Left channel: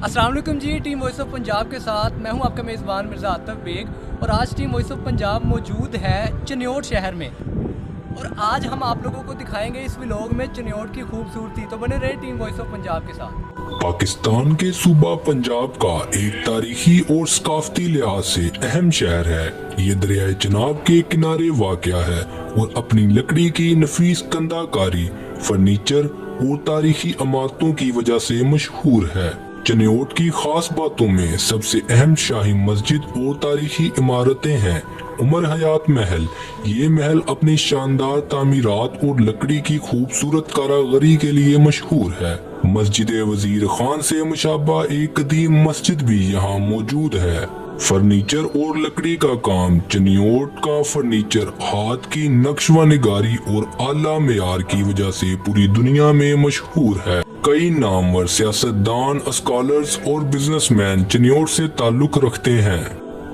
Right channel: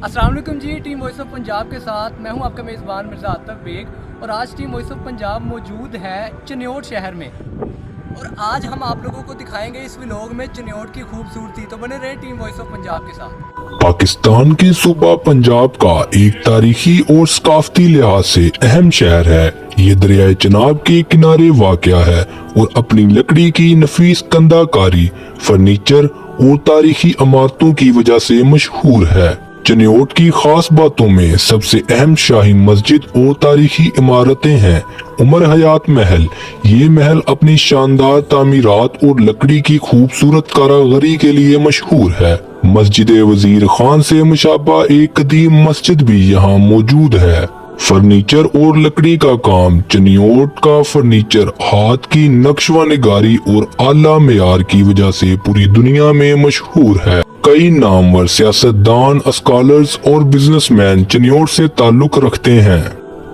अस्सलाम वालेकुम जी। Team voice of Punjab के साथ मैं हूं आपका मेज़बान मिर्ज़ा आतिफ बेग और आज टीम वॉइस ऑफ पंजाब मौजूद है चनियोट शहर में और आज हम आप लोगों को दिखाएंगे इस व्लॉग में चनियोट की खूबसूरती। तो बने रहे टीम वॉइस ऑफ पंजाब के साथ। पाकिस्तान के सूबा पंजाब का एक तारीखी और सकाफती लिहाज से अहम शहर है। ये दरियाए चनाब के किनारे वाक़या है और अपनी लकड़ी की नफीस कंधाकारी, फर्नीचर और तारीखी इमारतों की वजह से मशहूर है। चनियोट की खास बातों में सबसे अहम शाही मस्जिद और तारीखी इमारतें हैं। उमर हयात महल, ये महल अपनी शानदार तामीरात और लकड़ी की खूबसूरत कारागरी के लिए मशहूर है। मस्जिद वजीर खान से मुशाबा एक कदीम मस्जिद भी यहाँ मौजूद है। फर्नीचर और लकड़ी का काम, चनियोट का फर्नीचर हाथ की नक्शवा निगारी और आला मेयार की वजह से पूरी दुनिया में मशहूर है। कई नामवर सियासतदान, स्कॉलर्स और बिजनेसमैन चनियोट से ताल्लुक रखते हैं।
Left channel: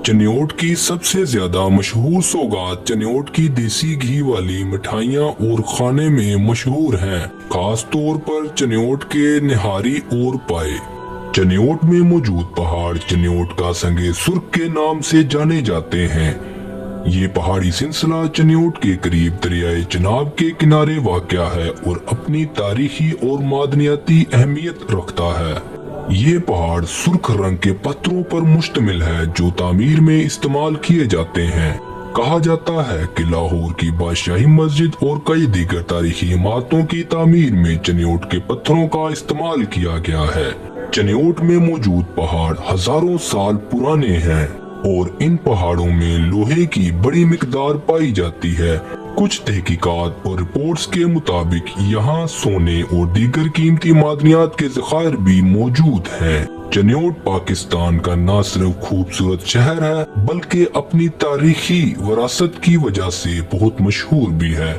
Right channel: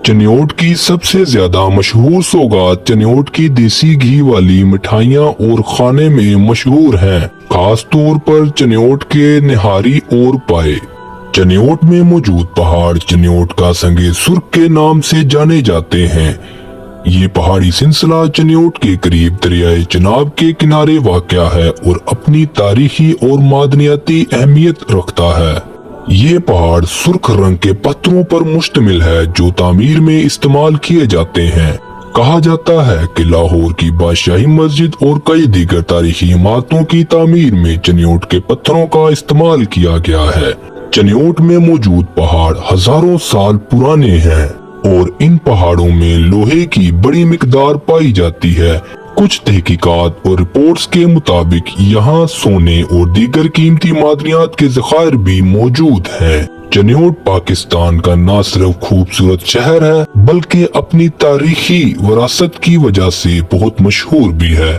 चनियोट की सबसे ज्यादा मशहूर सौगात चनियोट की देसी घी वाली मिठाइयाँ और खाने में मशहूर हैं, खास तौर पर चनियोट के निहारी और पाए। चनियोट में मौजूद पहाड़ चनियोट का संगे सुर्ख के नाम से जाने जाते हैं। ये पहाड़ी सिलसिला चनियोट के करीब दरियाए चनाब के किनारे वाक़या है और अपनी तारीखी और मादनियाती अहमियत रखता है। ये पहाड़ सुर्ख रंग के पत्थरों पर मुश्तमिल है जो तामीर में इस्तेमाल किए जाते हैं। कहा जाता है कि लाहौर की बादशाही मस्जिद और कई दीगर तारीखी इमारतों की तामीर में चनियोट के पत्थरों का इस्तेमाल किया गया है। चनियोट में मौजूद पहाड़ हजारों साल पुराने हैं और इन पहाड़ों में लोहे की बड़ी मिकदार पाई जाती है। कुछ तहकीकात और रिपोर्ट्स के मुताबिक यहाँ सोने और दीगर कीमती मादनियात के ज़खायर भी मौजूद हैं। चनियोट पाकिस्तान का न सिर्फ खूबसूरत शहर है बल्कि अपनी तारीखी विरासत की वजह से बहुत मशहूर भी है।